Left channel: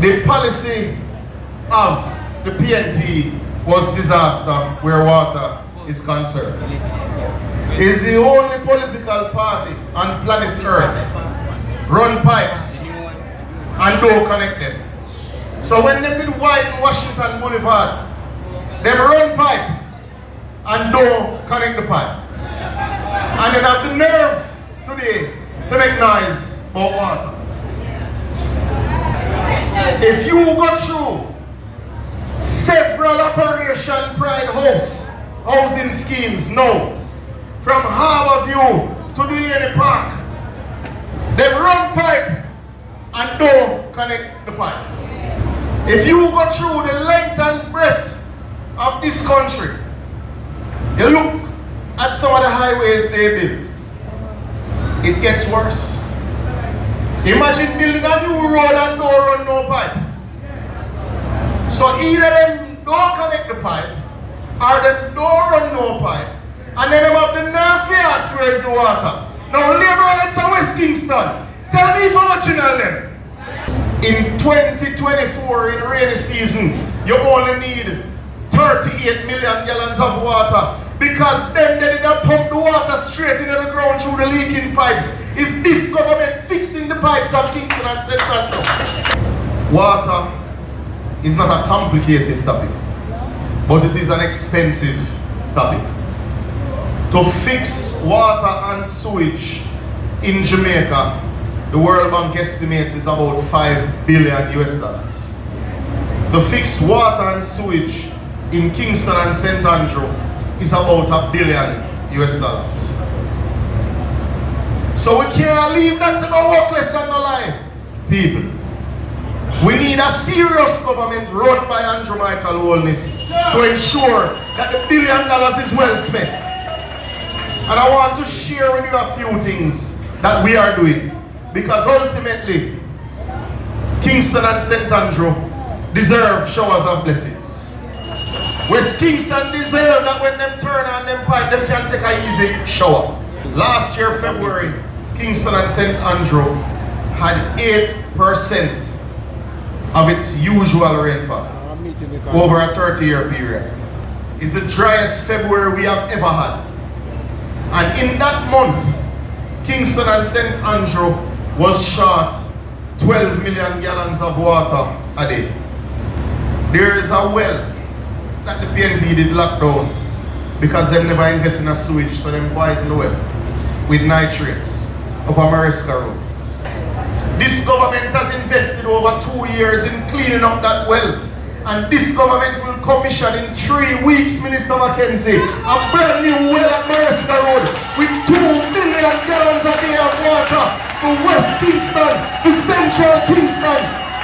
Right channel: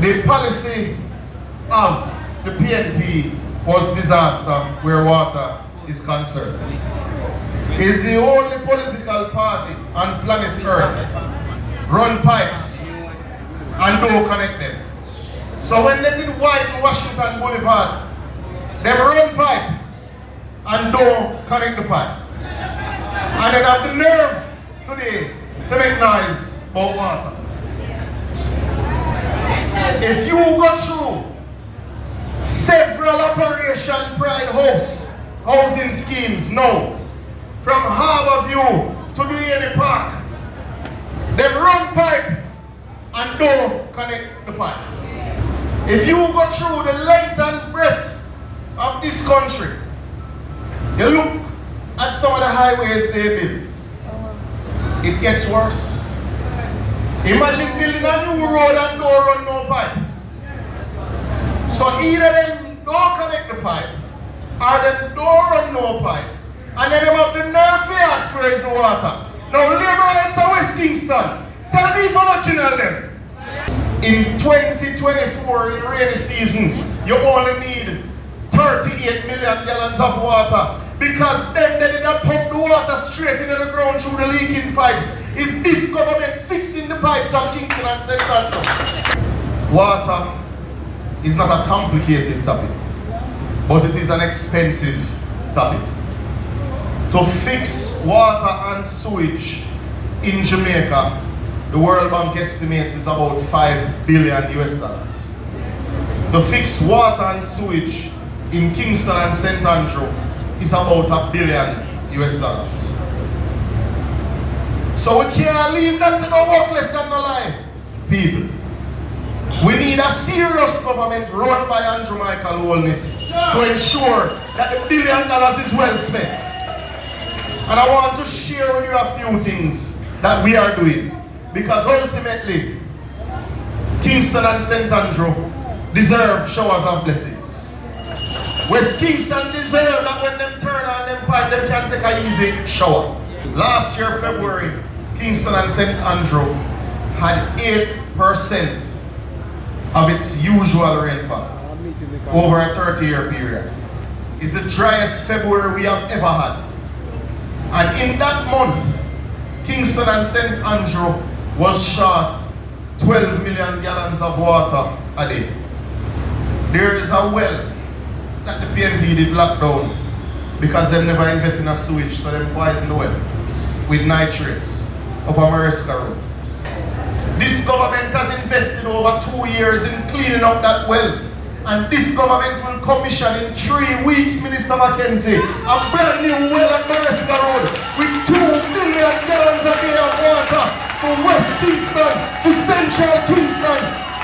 The policy of the PNP was disaster where water is concerned. It's the only political party on planet Earth run pipes and don't connect them. So when they did widen Washington Boulevard, they run pipe and don't connect the pipe. And they have the nerve today to make noise about water. If you go through several Operation Pride housing schemes now, from Harborview to the Eni Park, they run pipe and don't connect the pipe. If you go through the length and breadth of this country, you look at some of the highways they built, it gets worse. Imagine building a new road and don't run no pipe. So either them don't connect the pipe, or them don't run no pipe, and then them have the nerve to ask where is the water. Now Labour rights are West Kingston. Tell me if I'm not channel them. In 2024, in rainy season, you only need 38 million gallons of water, because then they did not pump the water straight into the ground through the leaking pipes. Is this government fixing the pipes of Kingston and St. Andrew? Water is not a complicated topic, but it is an expensive topic. To fix water and sewage in Jamaica, the World Bank estimates is about $5 billion US. To fix water and sewage in Kingston and St. Andrew is about $1 billion US. So we can't leave them to go workless and alive, people. We need a serious government run by Andrew Michael Holness to ensure that the $1 billion is well spent. And I want to share with you a few things that we are doing, because ultimately Kingston and St. Andrew deserve showers of blessings. West Kingston deserve that when them turn on them pipe, them can take a easy shower. Last year, February, Kingston and St. Andrew had 8% of its usual rainfall over a 30-year period. It's the driest February we have ever had. And in that month, Kingston and St. Andrew was short 12 million gallons of water a day. There is a well that the PNP did lock down because they never invest in a sewage, so them poison the well with nitrates up on Mariska Road. This government has invested over 2 years in cleaning up that well, and this government will commission in 3 weeks, Minister Mackenzie, a brand new well at Mariska Road with 2 million gallons a day of water for West Kingston to Central Kingston